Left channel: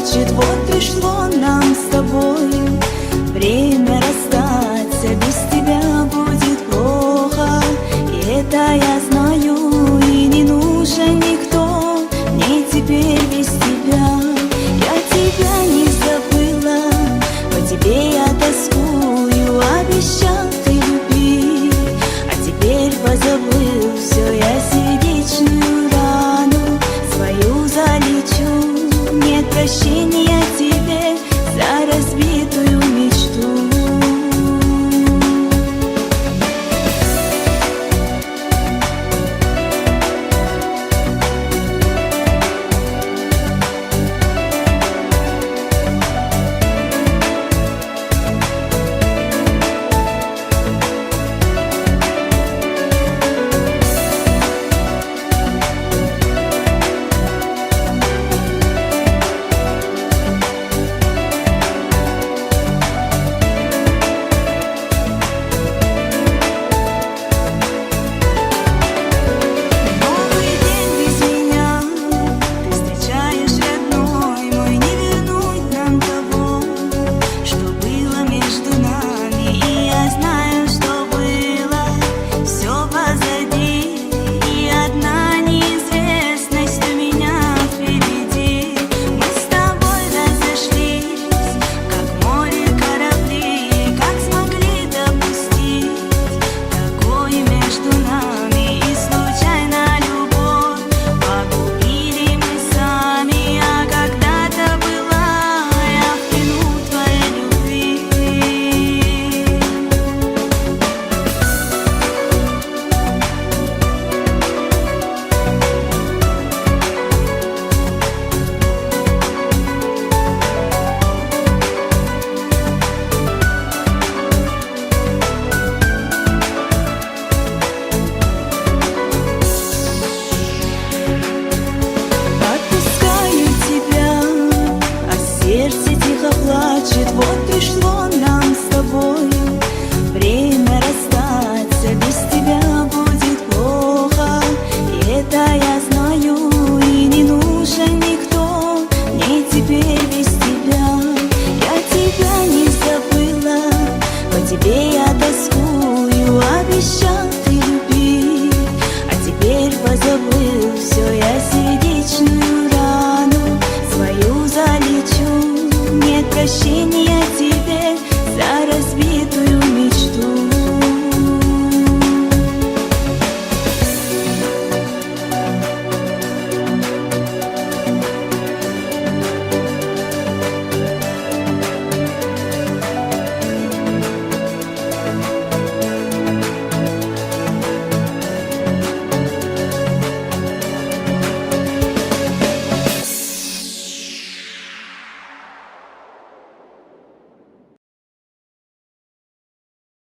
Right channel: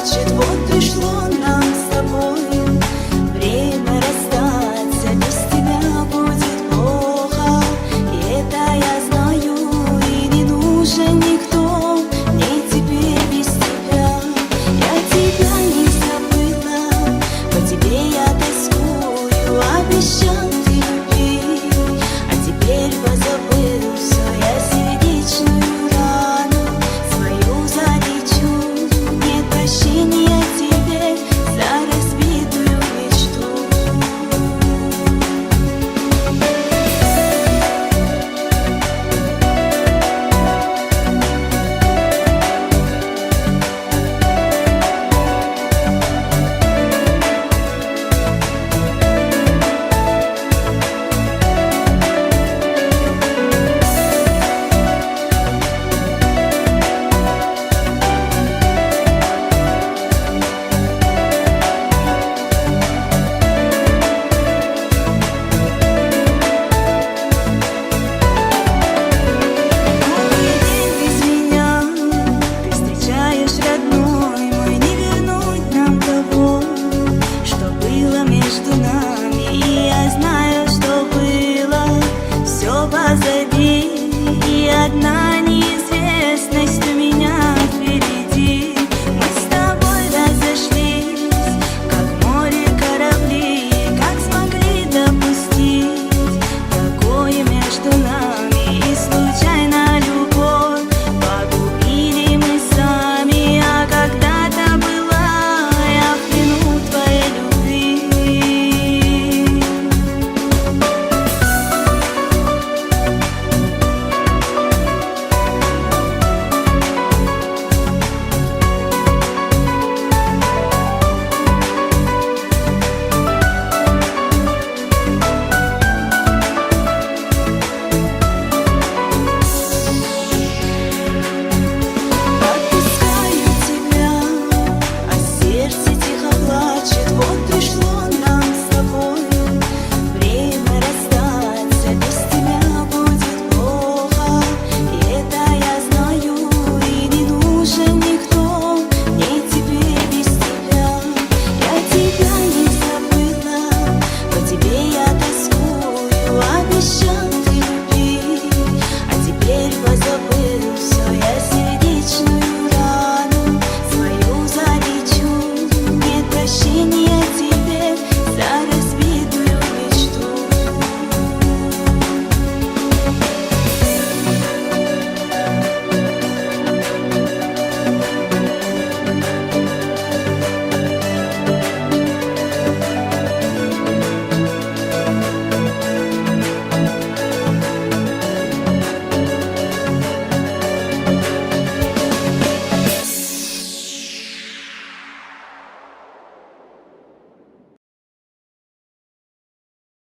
плачет. Вот пришло нам с тобой время расстаться. Без тебя будет плохо, и это я знаю. И не нужен никто мне теперь без тебя. Я тебя не забыла, по тебе я тоскую. Обещал ты любви, а теперь позабыл все. Я сердечную рану свою залечу. Нет прощения тебе за разбитую мечту. Между нами, и я знаю, что было все позади, и одна неизвестность у меня впереди. Мы с тобой разошлись, как море корабли, как смогли допустить такое между нами? И случайно любовь погубили мы сами, а когда-то была я в плену твоей любви. Сердце тихо плачет, вот пришло нам с тобой время расстаться. Без тебя будет плохо, и это я знаю. И не нужен никто мне теперь без тебя. Я тебя не забыла, по тебе я тоскую. Обещал ты любви, а теперь позабыл все. Я сердечную рану свою залечу. Нет прощения тебе за разбитую